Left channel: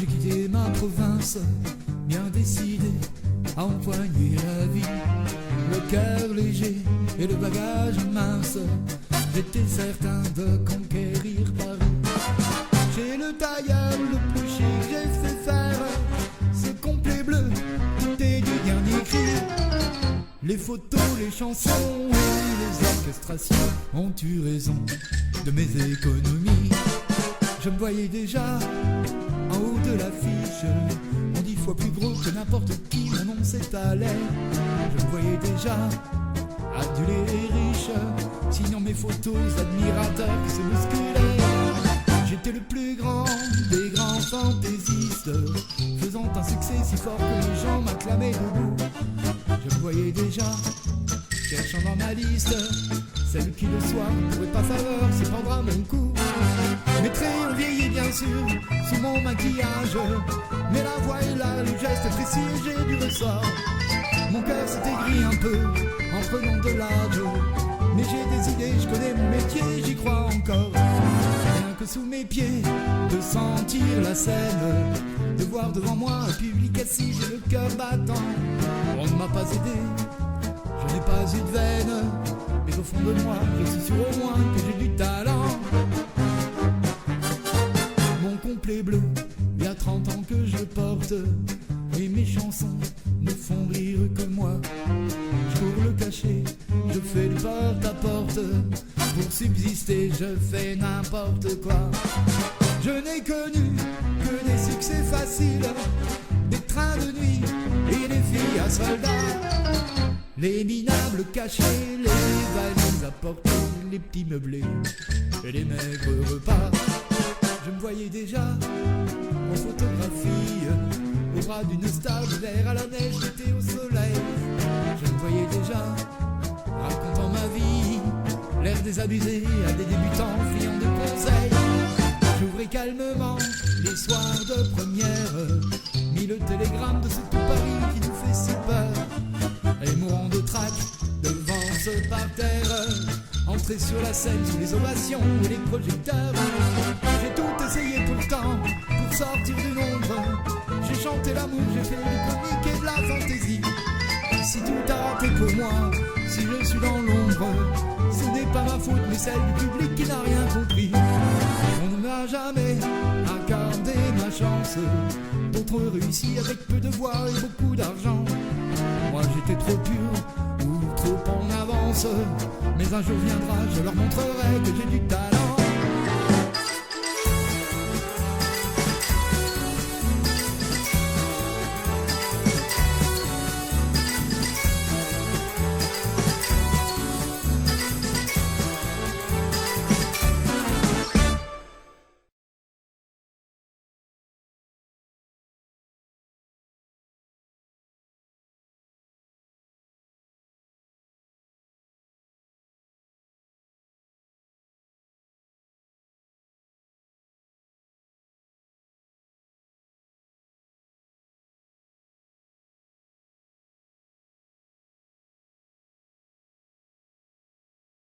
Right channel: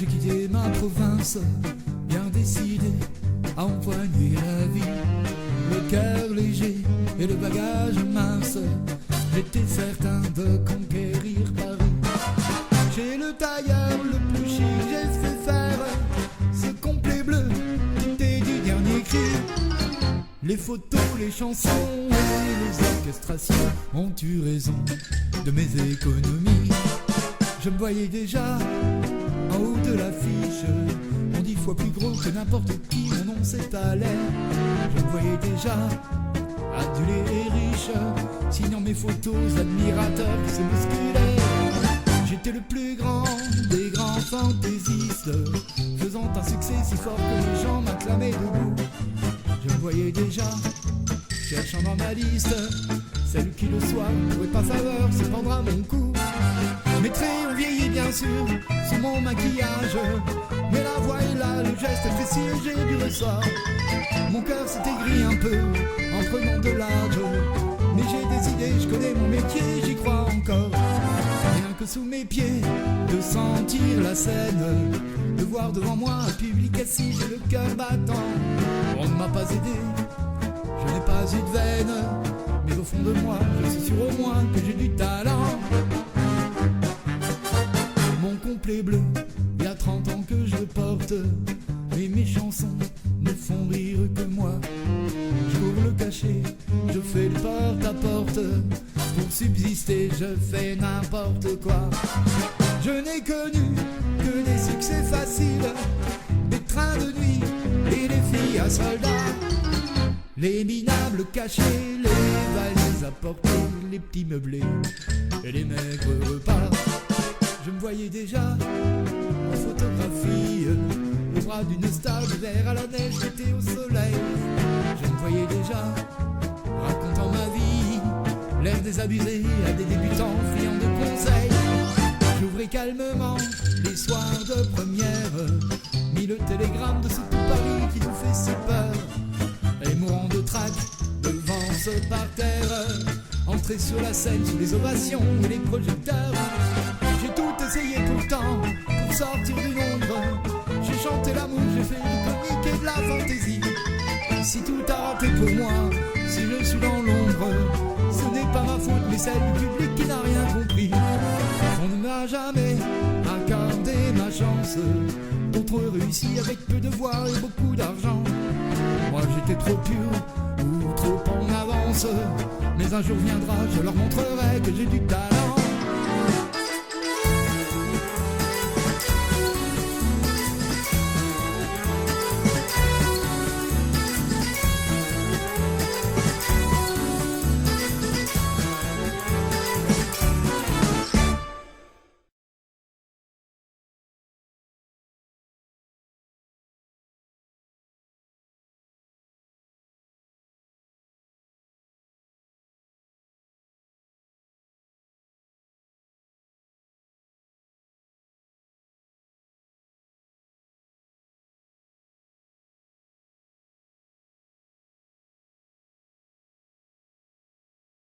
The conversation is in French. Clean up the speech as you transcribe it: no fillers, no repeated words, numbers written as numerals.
J'ai quitté ma province, bien décidé à empoigner la vie. Le cœur léger et le bagage mince, j'étais certain de conquérir Paris. Chez le tailleur le plus chic, j'ai fait faire ce complet bleu qui était du dernier cri. Les photos, les chansons et les orchestrations ont eu raison de mes économies. Je me voyais déjà en haut de l'affiche, on 10 fois plus gros que n'importe qui, mon nom s'étalait. Je me voyais déjà adulé et riche, signant mes photos admirateurs qui se bousculaient. J'étais le plus grand des grands fantaisistes, faisant un succès si fort que les gens m'acclamaient debout. Je me voyais déjà cherchant dans ma liste celle qui le soir pourrait pas faveur se prendre à mon cou. Mes traits ont vieilli bien sûr sous mon maquillage, mais la voix est là, le geste est précis et j'ai du ressort. Mon cœur s'est aigri un peu en prenant de l'âge, mais j'ai des idées, je connais mon métier, j'y crois encore. Rien que sous mes pieds, de sentir la scène, de voir devant moi un public assis, j'ai le cœur battant. On ne m'a pas aidé, je n'ai pas eu de veine, mais au fond de moi, je suis sûr au moins que j'ai du talent. Mon complet bleu, il y a 30 ans que je porte, et mes chansons ne font rire que moi. Je cours le cachet, je fais le porte-à-porte, pour subsister je fais n'importe quoi. Je n'ai connu que des succès faciles, des trains de nuit et des filles à soldats, les minables cachés, les valises à porter, les petits meublés et les maigres repas. Je me voyais déjà en photographie, au bras d'une star d'hiver à la neige, d'été au soleil. Je me voyais déjà racontant ma vie, l'air désabusé à des débutants friands de conseils. J'ouvrais calmement les soirs de première, mis le télégramme de ce tout Paris qui nous fait si peur, et mourant de trac devant ce parterre, entrer sur la scène sous les ovations et les projecteurs. J'ai tout essayé pourtant pour sortir du nombre, j'ai chanté l'amour, j'ai fait du comique et de la fantaisie. Si tout a raté pour moi, si je suis dans l'ombre, ce n'est pas ma faute mais celle du public qui n'a rien compris. On ne m'a jamais accordé ma chance, d'autres ont réussi avec peu de voix et beaucoup d'argent. Moi j'étais trop pur ou trop en avance, mais un jour viendra, je leur montrerai que j'ai du talent.